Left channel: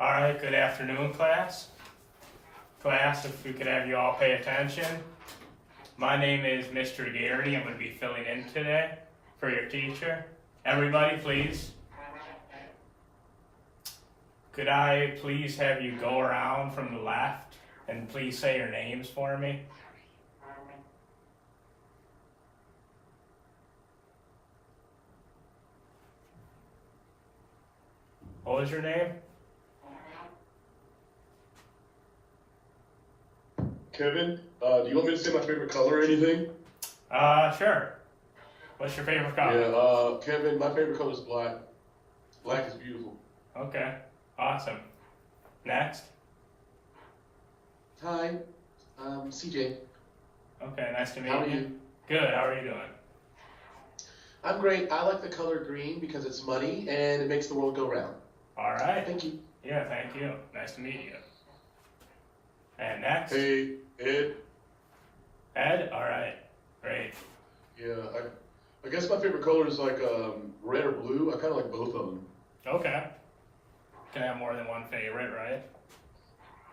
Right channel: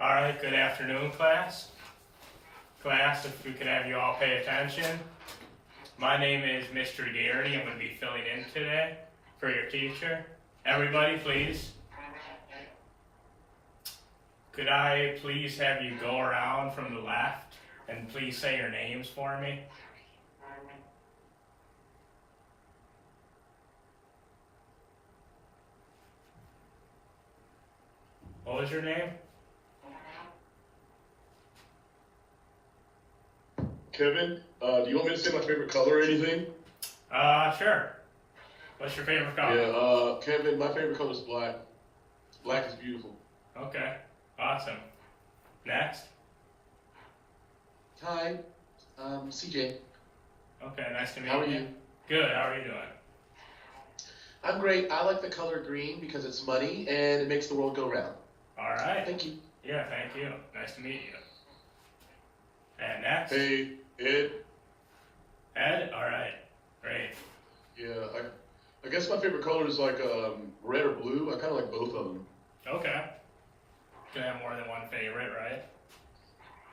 All right, good afternoon, class. Class, if we could have you all pay attention. My name is Mr. Gary. I'm going to be filling in today for your teacher. Everybody, please. Could I please have you go around from the left and please say your names for me? What was your name? Kevin, do you want me to say my favorite color or anything? Sure. What's your favorite color? Yeah, Kevin, my favorite color is black. Black is beautiful. Okay, awesome. Next. Hi, CJ. Okay, nice to meet you. How are you? Good, how are you doing? I'm great. I like the color green because it's muddy and it makes the world go round. All right. Thank you. Yeah, thank you. Nice to meet you. And next. Hey, Ed. Ed? All right. Great. Yeah, I guess my favorite color is like red or blue. I kind of like both of them. Okay. Can have more than one favorite, right?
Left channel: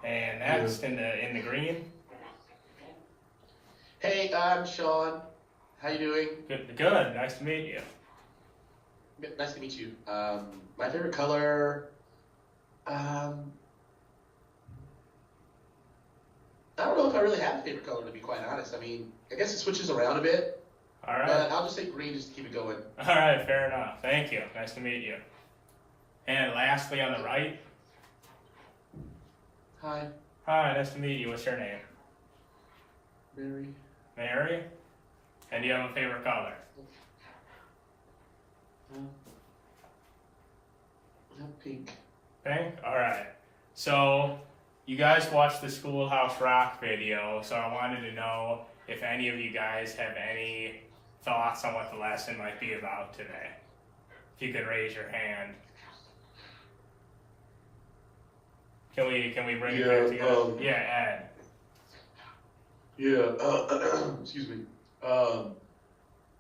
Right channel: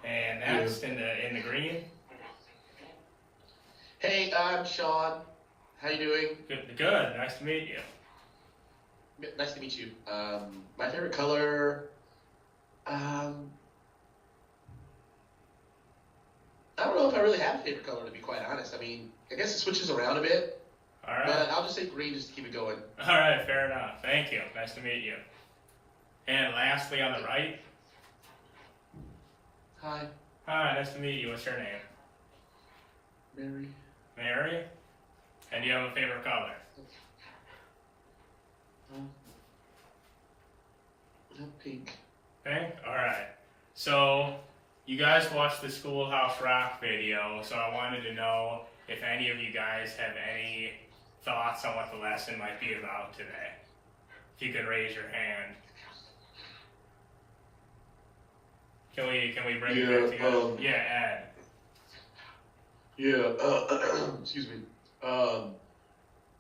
And next, in the green. Hey, I'm Sean. How you doing? Good. Good. Nice to meet you. Nice to meet you. My favorite color, I don't know if I really have a favorite color, to be quite honest. I mean, I guess it switches around a bit. All right. But I'll just say green just to keep it going. All right. Fair enough. Thank you. Nice to meet you. And lastly, on the right. Hi, Hi. Nice to meet you. What's your name? Mary. Mary. And do you have a favorite color? Pink. Pink? Alright. So, you guys watched the Schoolhouse Rock video, so I wanted to know if any of you guys have any thoughts on what the lesson might be about today. If you could raise your hand. Can we bring it back together? Yeah, Ed. Yeah, excuse me. I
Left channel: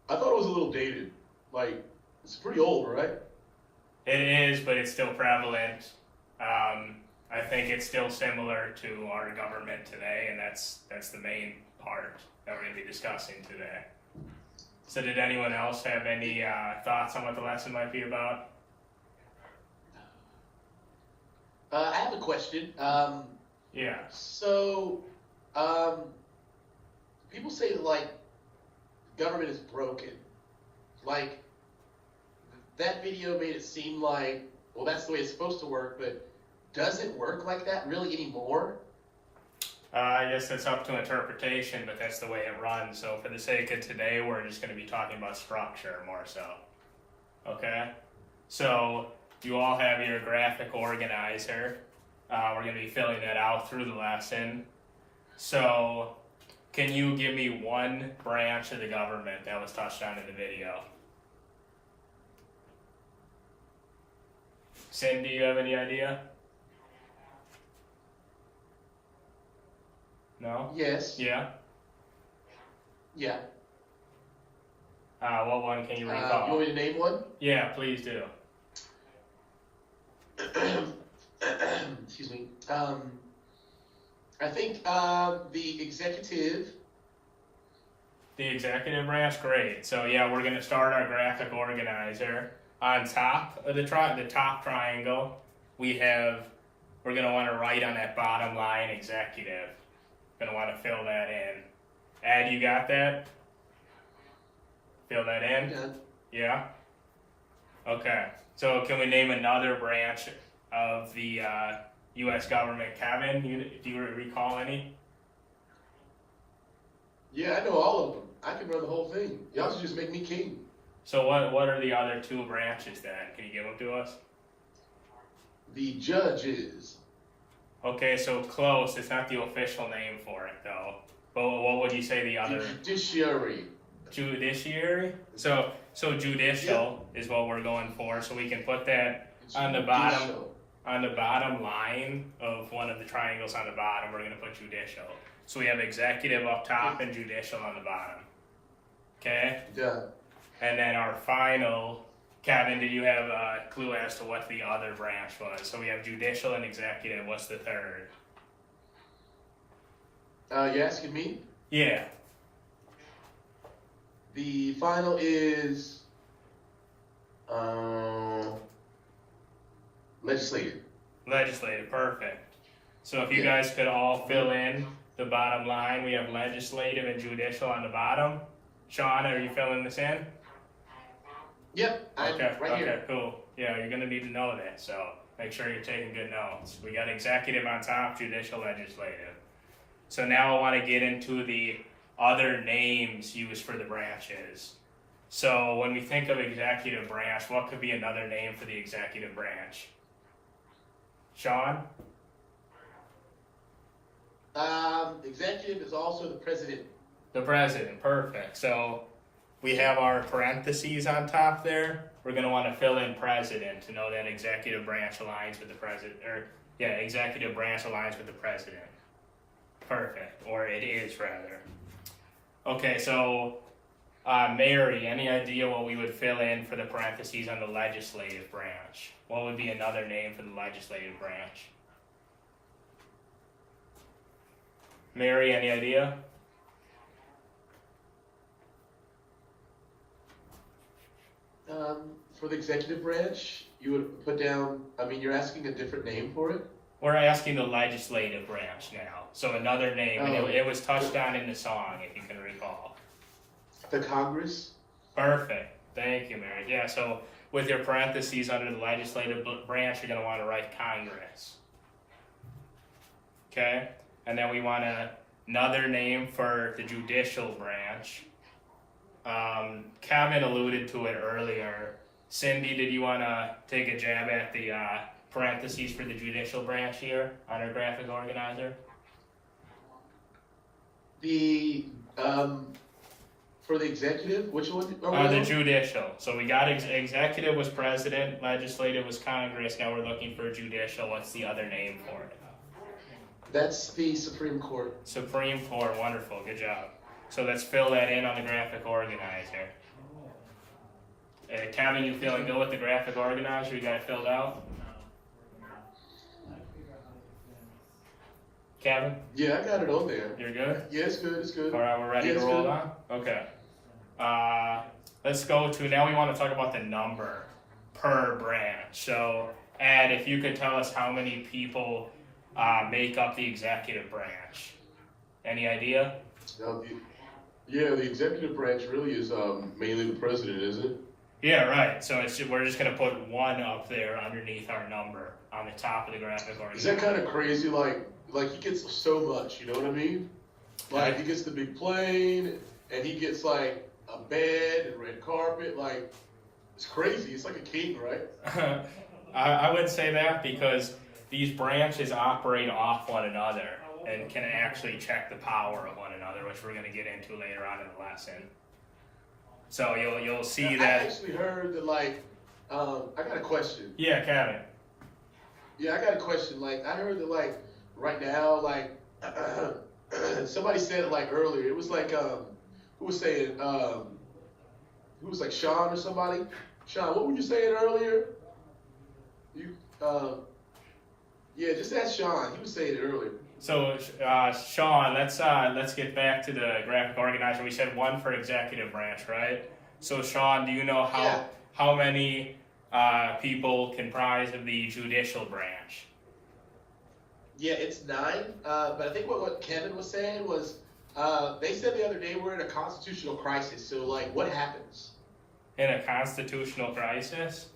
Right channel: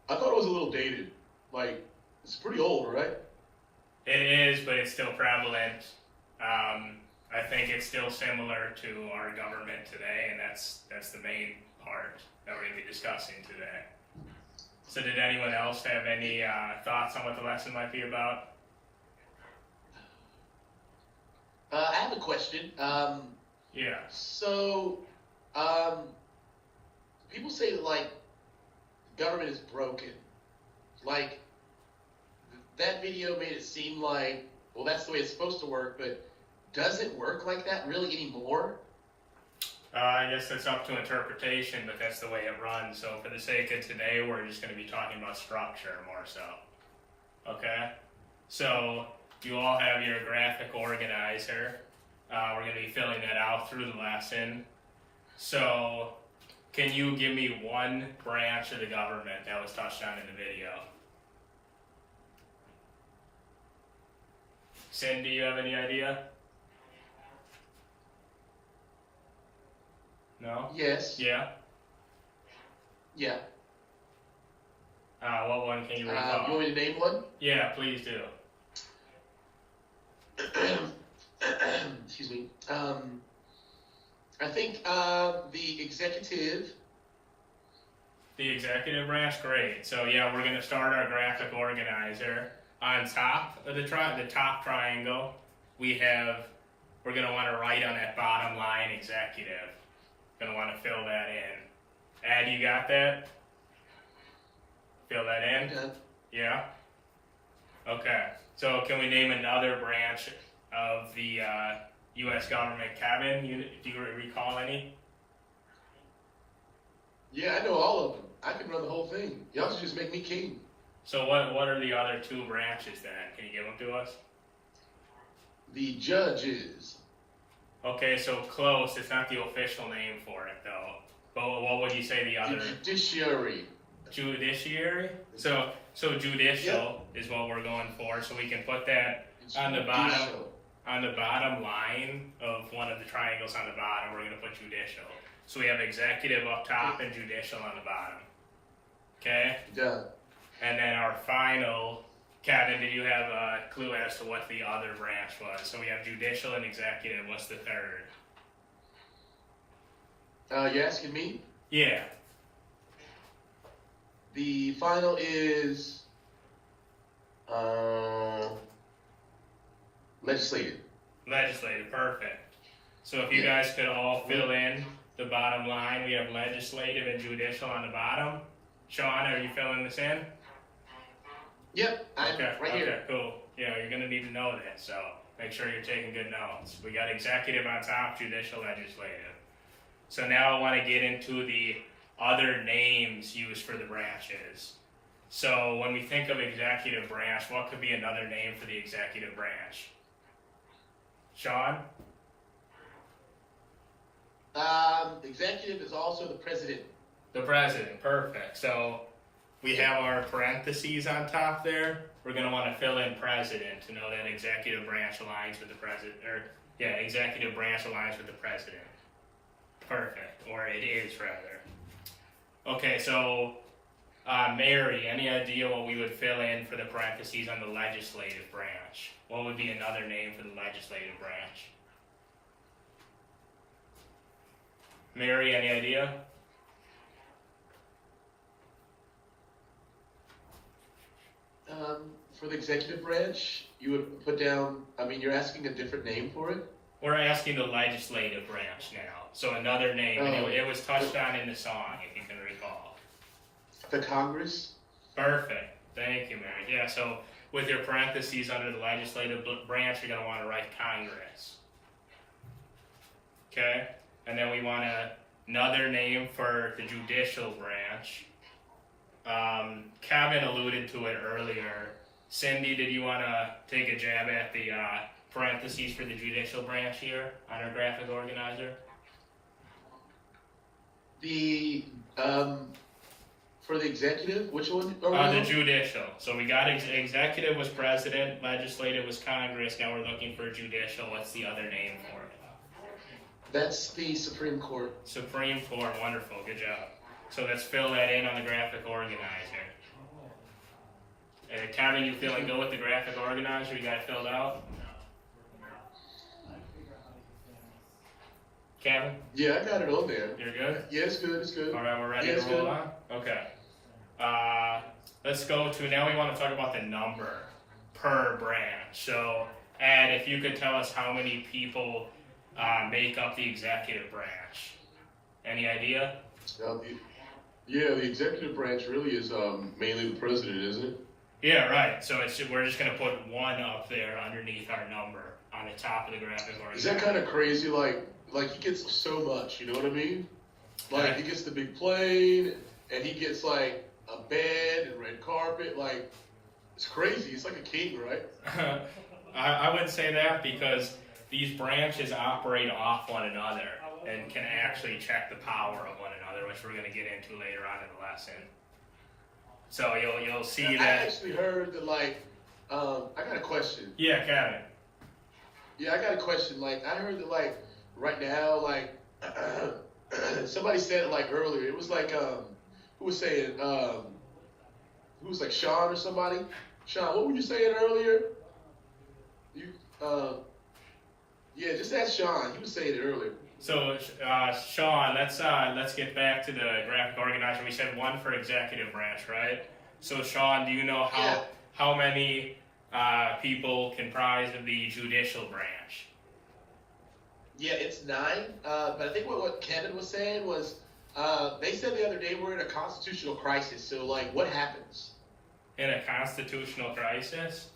thought it was a little dated. Like, it's pretty old, right? It is, but it's still prevalent. I think it's still similar to our government today, and that's the main part that we're going to be discussing today. So did anyone else have any thoughts on what the lesson might be about? I have a question. Yeah. So, people say that, like, government is broken. Like, that video made it seem like, well, that's the way it's supposed to work, but does it work like that really anymore? I guess that's up to interpretation, but that's the way it runs. So for the sake of today, we're just going to be talking about structure more so. Okay? So you all have your graphic organizer. We're going to be filling that out through the lesson. So can you give me one branch of the government that was touched on in the video? Cindy, do you have any idea? No? Yes. Yeah? Yeah. What one can you recall? You want me to name one? Yeah, please do. Excuse me. I think the executive. The executive branch, great. So yeah, we're going to start our graphic organizer. On top of the top triangle, we're going to want to write on that bottom line executive. Going to want to fill that in. Ed, you got that? Fill that in? Done. Yeah? Okay. So can we name another branch of the U.S. government? Kevin, do you recall any? Yeah, I know all of them. I can run the whole thing. Y'all should just make me king. So what are the other two branches then? Can you give them to us? The judges. Okay, so close. It's not the official name for it though. But what would you say the other? The judiciary. Judiciary? So judicial is what we're going for. So we can put that on the bottom line of one of the triangles on the bottom. We're going to put judicial. So we have executive up top and judicial on the bottom. Okay? Done. And then our final Kevin, do you have a clue as to what the other branch was? So we have judicial and executive. What's the third? You asking me? Yeah. The final is legislative. Legislative, perfect. So if you guys could all fill in the bottom line, we have legislative and judicial on the bottom. Sean, are you filling this in? Yep, I'm right here. Okay, cool. Yeah, you're gonna need to know that, so make sure you're taking good notes. We got executive on top, judicial, legislative. So now I want to get into the other names used for the branches. So when we think of executive branch, what could be another name for the executive branch? Sean? Executive is also the president. The president, perfect. So we have our parentheses on top there. We're going to want to fill in president to know that executive branch aligns with the president, executive branch aligns with the president. Perfect, or it is rather. Okay, so Mary, any idea what we would fill in for the parentheses on the legislative branch? What would be another name for the legislative branch? Mary, any idea? For the executive branch, you would put down, you're asking a different name for it? We're asking the legislative branch now. So another name, and it was touched on in the song, if you can recall. The Congress? Perfect. Thank you, Mary. Yeah, so with your parentheses under the legislative branch, you're going to want to write Congress. Okay? And then we want another name for the judicial branch. Kevin alluded to it earlier. Cindy, did you want to take a jab at the parentheses for the judicial branch here on our graphic organizer? The, for the executive, which one are we The on? judicial. So we got executive was president, legislative was Congress, now we're looking for judicial. What's the other name for it? That's the Supreme Court. Supreme Court, wonderful, good job. So let's fill that in on the graphic organizer. Kevin, you feeling good with the graphic organizer? You got it filled out? Kevin? Yeah, I got it on there. You're good? Yeah, it's good, it's good. All right, we're ready to roll on? Okay. Let's go to, now we want to talk about the number per branch. So, Ed, if you could tell us how many people make up the executive branch. Any idea? The executive branch really is mainly the president, isn't it? Yeah, right. So we're just going to put 1 up there underneath our number on the top of the graphic organizer. Is that kind of crazy? Like he gets so much, you know what I mean? Like he gets the big plane, and he gets like a bed and red carpet. Like it's crazy. It's like a king, right? I would say that because these branches operate off one another and can actually check the power of one another, which we're going to get into later on in the lesson. So you'll see that. I actually heard that, I got a question. Yeah, Kevin. Yeah, I got a question. I heard that, right now, somebody said it, earlier. It was who was saying, who was Sean or somebody? Sean, what were you saying earlier? Yeah, just ask Sean. He was saying it earlier. So, Sean, let's get back to the graphic organizer. We said 1 for executive branch, right? So, Sean, do you know how many people comprise of the judicial branch? Yeah, it's 9. But I think what Kevin was saying was they said the other day we're in a constitutional crisis. So, what happens? In a constitutional crisis?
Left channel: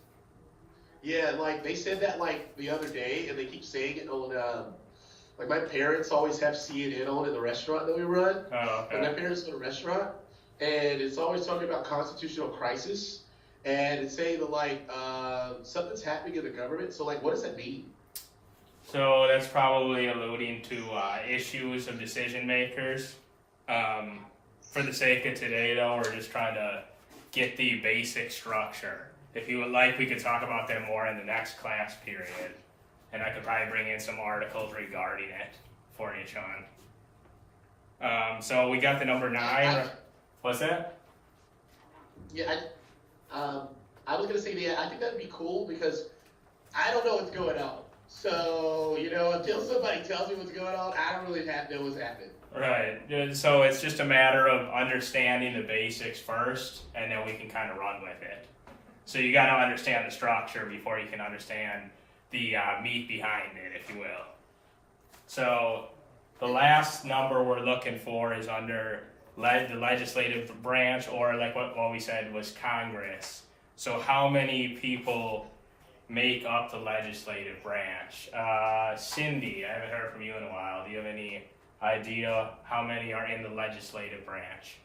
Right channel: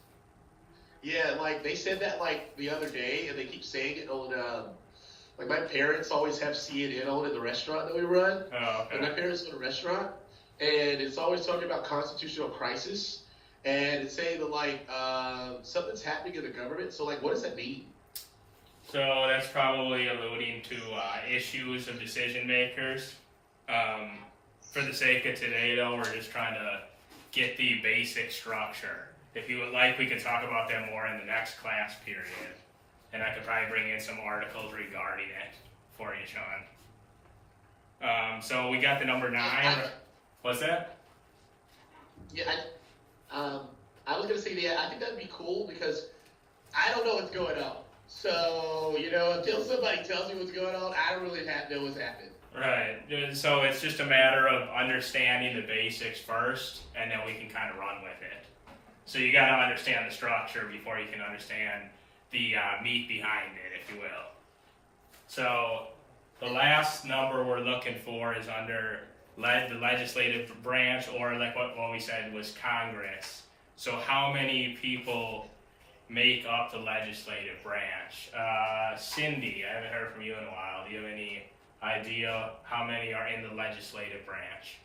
Yeah, they said that the other day, and they keep saying it on. My parents always have CNN on in the restaurant that we run. Oh, okay. And my parents go to a restaurant, and it's always talking about constitutional crisis, and it's saying that something's happening in the government. So what does that mean? So that's probably alluding to issues of decision makers. For the sake of today, though, we're just trying to get the basic structure. If you would like, we could talk about them more in the next class period. And I could probably bring in some articles regarding it for you, Sean. So we got the number 9. What's that? Yeah, I was gonna say, yeah, I think that'd be cool because I don't know what's going on. So, you know, until somebody tells me what's going on, I don't really know what's happening. Right. So it's just a matter of understanding the basics first, and then we can kind of run with it. So you got to understand the structure before you can understand the meat behind it, if you will. So the last number we're looking for is under the legislative branch, or like what we said was Congress. So how many people make up the legislative branch? Cindy, I haven't heard from you in a while. Do you have any idea how many are in the legislative branch?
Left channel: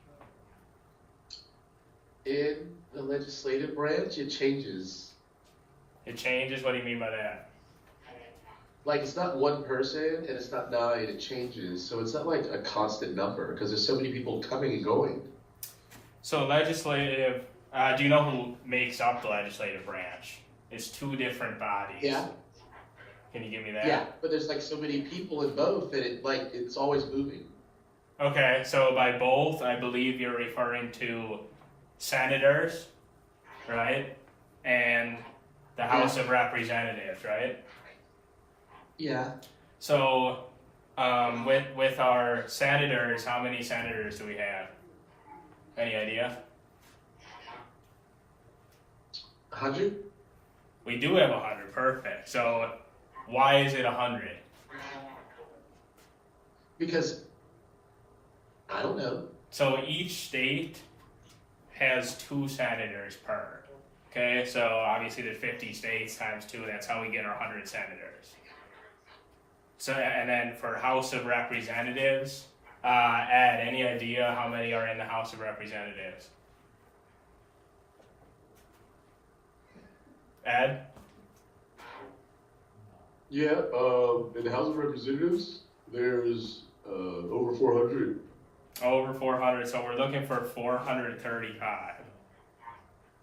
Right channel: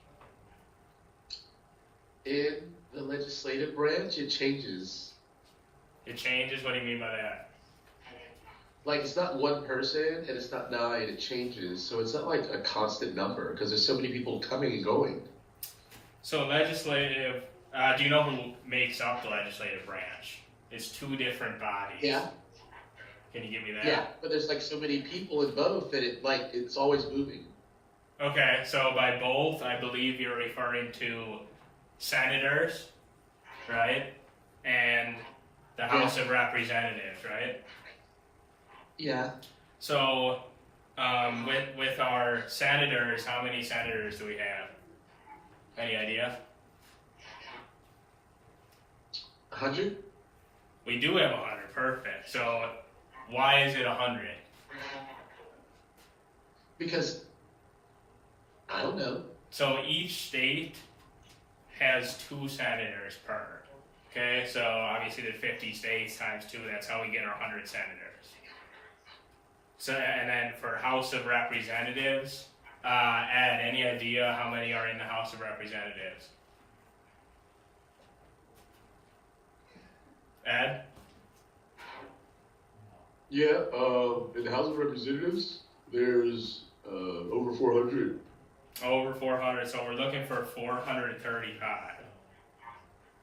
In the legislative branch, it changes. It changes? What do you mean by that? Like, it's not one person and it's not 9, it changes. So it's not like a constant number because there's so many people coming and going. So legislative, do you know who makes up the legislative branch? It's 2 different bodies. Yeah. Can you give me that? Yeah, but there's like so many people in both that it's always moving. Okay, so by both, I believe you're referring to senators, right? And the House of Representatives, right? Yeah. So, with our senators, how many senators do we have? Any idea? 100? We do have 100, perfect. So, why is it 100? Because, I don't know. So each state has 2 senators per. Okay, so obviously there's 50 states times 2, that's how we get our 100 senators. So, and then for House of Representatives, Ed, any idea how many are in the House of Representatives? Ed? Yeah, in the House of Representatives, there's over 400. Over 400, so we're looking for 435.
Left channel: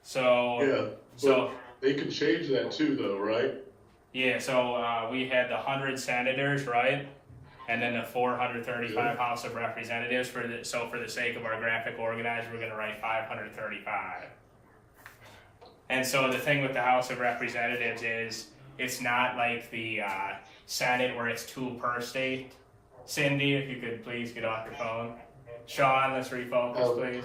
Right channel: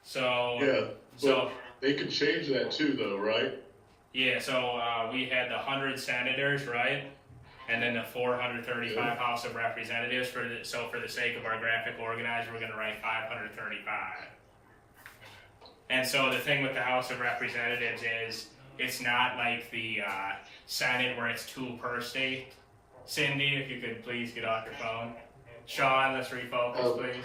So, Yeah, but so they could change that too, though, right? yeah, so we had the 100 senators, right? And then the 435 House of Representatives. So for the sake of our graphic organizer, we're going to write 535. And so the thing with the House of Representatives is it's not like the Senate where it's 2 per state. Cindy, if you could please get off your phone. Sean, let's refocus, please.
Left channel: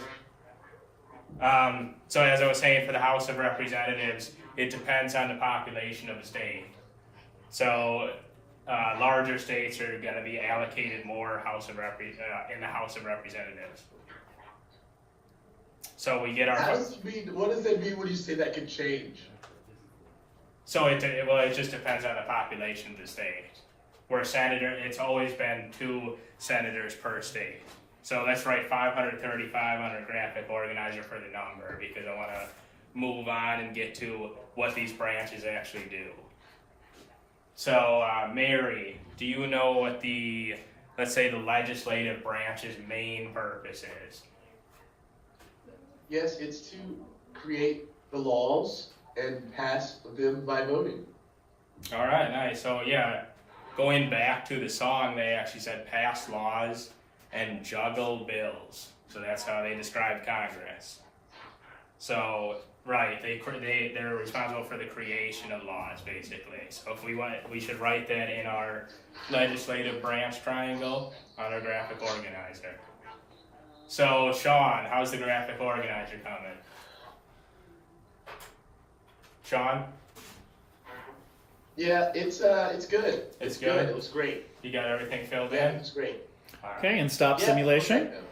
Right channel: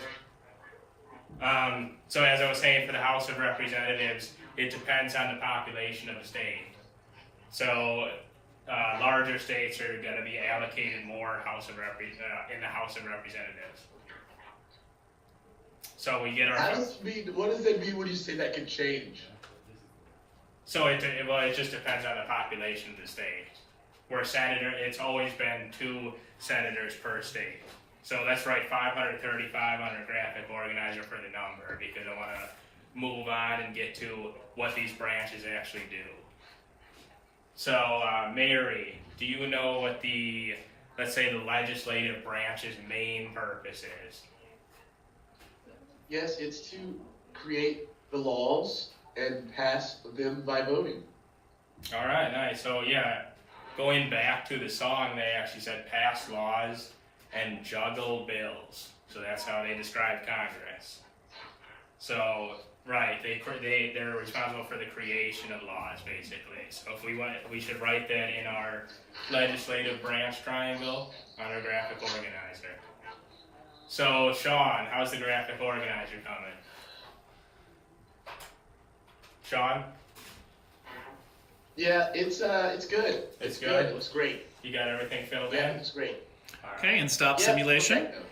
So as I was saying, for the House of Representatives, it depends on the population of the state. So larger states are going to be allocated more in the House of Representatives. So we get our. What does that mean when you say that could change? So it just depends on the population of the state. Where senator, it's always been 2 senators per state. So let's write 535 on our graphic organizer for the number because I want to move on and get to what these branches actually do. So Mary, do you know what let's say the legislative branch's main purpose is? Yes, it's to create the laws and pass them by voting. All right, nice. So yeah, going back to the song, they actually said pass laws and juggle bills. So that's how they described Congress. So right, they're responsible for the creation of laws, basically. So if we should write that in our legislative branch triangle on our graphic organizer. So Sean, how's the graphic organizer coming? Sean? Yeah, it's good. It's good? It looks great. You got everything filled Yeah, in? it's great. All right. Okay, and stop Yeah, simulation. perfecto.